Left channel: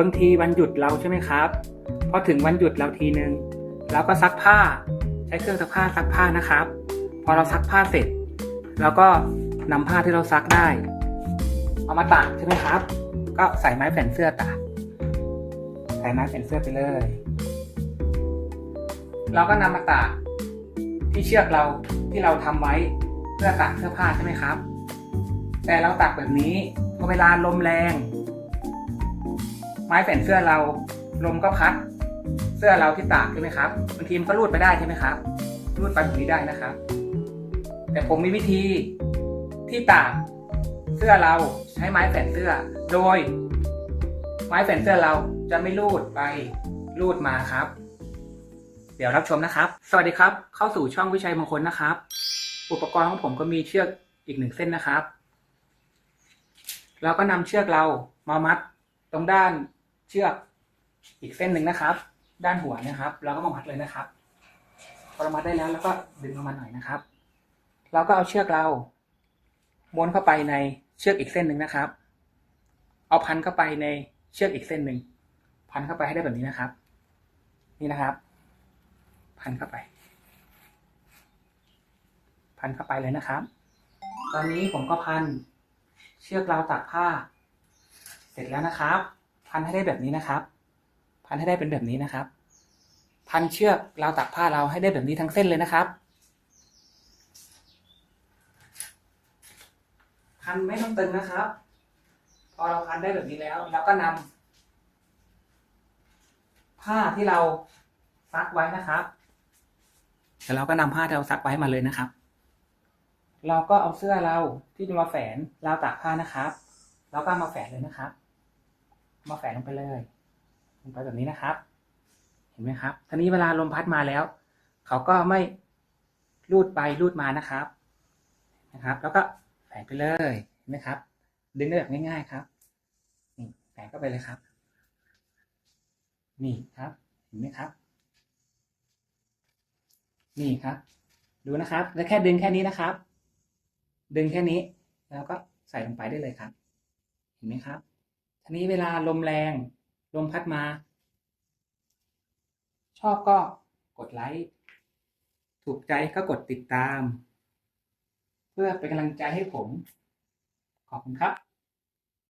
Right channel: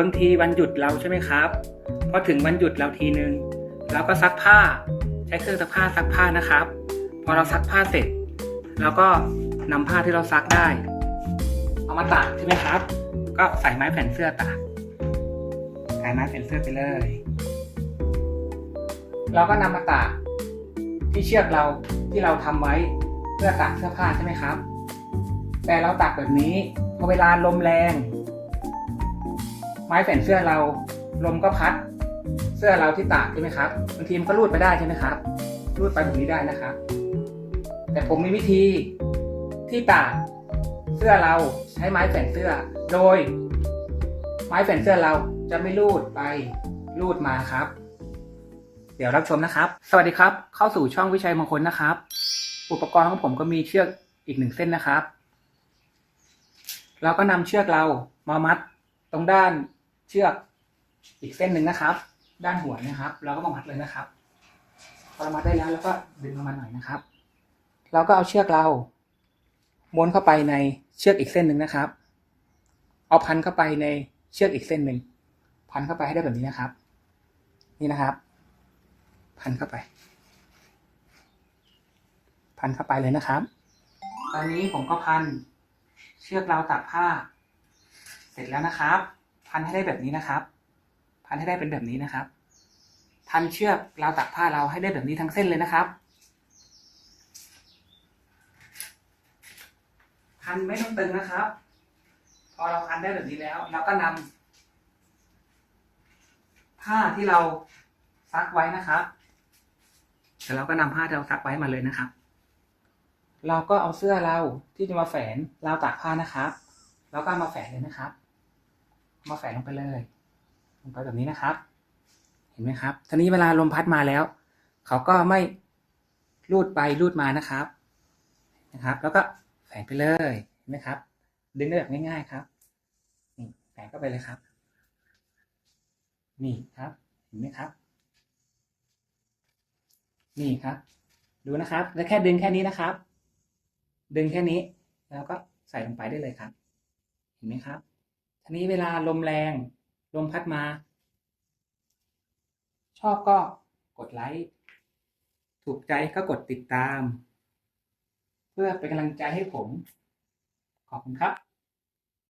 บางทีวันหยุดเราใช่ไหมครับพอถึงวันหยุดเราทีนึงเราก็ซักผ้าใช้เครื่องซักผ้าซักผ้านะครับ พอเราซักผ้าเสร็จเราก็นำผ้าที่เราซักได้ เอามาตากใช่ไหมครับ ก็ใส่ไม้แผ่นเสื้อตากใส่ไม้แผ่นเสื้อไปเลย เราก็นำมาตากที่เชือกเราที่เราทำไว้เพื่อตากเสื้อผ้าใช่ไหมครับ แต่เราตากแบบนี้พอเวลาลมแรง ไม้แผ่นเสื้อเราลมก็พัด เสื้อเราที่ตากใช่ไหมครับบางทีมันก็รูดไปได้ใช่ไหมครับ รูดไปแบบนี้ได้นะครับ แต่ผมมีวิธีที่ตากเสื้อเราใช้ไม้แผ่นเสื้อ โดย ไม้แผ่นเสื้อเราจะไม่รูดไปรูดมาครับ เดี๋ยวรับชมนะครับ สวัสดีครับ เข้าสู่ช่องวิชัยมงคลนะครับ อุปกรณ์ของผมก็มีเชือกอีกหนึ่งเส้นนะครับเราก็นำเชือกเรามามัดตรงด้าน เชือกอีกเส้นหนึ่งนะครับ ด้านหัวนะครับ เราก็มามัดเลยนะครับ พอเรามัดได้แล้วเราก็ดึงออกมาหน่อยนะครับ เราก็เอาเชือกเราม้วนเข้าไปในเชือกอีกเส้นหนึ่งนะครับ เอาพันเข้าไปในเชือกอีกเส้นหนึ่งพันเข้าไปให้ได้แบบนี้นะครับ นี่นะครับ พันเข้าไป พันเข้าไปเลยนะครับ ตอนนี้ผมก็พันเชือกเราตากผ้า เสร็จแล้วนะครับ พันให้ได้แบบนี้นะครับ พันให้ได้เป็นแบบนี้นะครับ พันเชือกราวตากผ้าเราให้ได้แบบนี้ทั้งเส้นเลยนะครับ พันไม่ต้องตึงนะครับ พอเราพันได้แบบนี้แล้วเราก็นำผ้าที่เราซักไว้นะครับแล้วเราก็นำผ้าที่เราซักไว้มาเลยนะครับ เราก็เอาเสื้อเราที่จะมาแฝนราวตากผ้านะครับ เราก็มาแฝนเลยนะครับ มาแฝนลงไปเลยลงไปแบบนี้นะครับ เห็นไหมครับทีนี้เวลาลมพัดมาแล้ว เขาก็ไม่รูดไปรูดมานะครับนะครับ แล้วก็แฝงไปเลยเห็นไหมครับ ดึงได้แบบง่าย ๆครับนี่แฝงเข้าไปเลยครับ นี่ครับ เห็นไหมครับ นี่ครับ ดูนะครับ แล้วแค่ดึงแค่นี้นะครับ ดึงแค่นี้ แล้วก็ใส่ลงไปได้เลยครับ เห็นไหมครับ ทีนี้เวลาลมแรง ลมพัดมา ชอบก็กดไลค์ ถูกใจก็กดติดตาม เพื่อเป็นกำลังใจให้ผม ขอบคุณครับ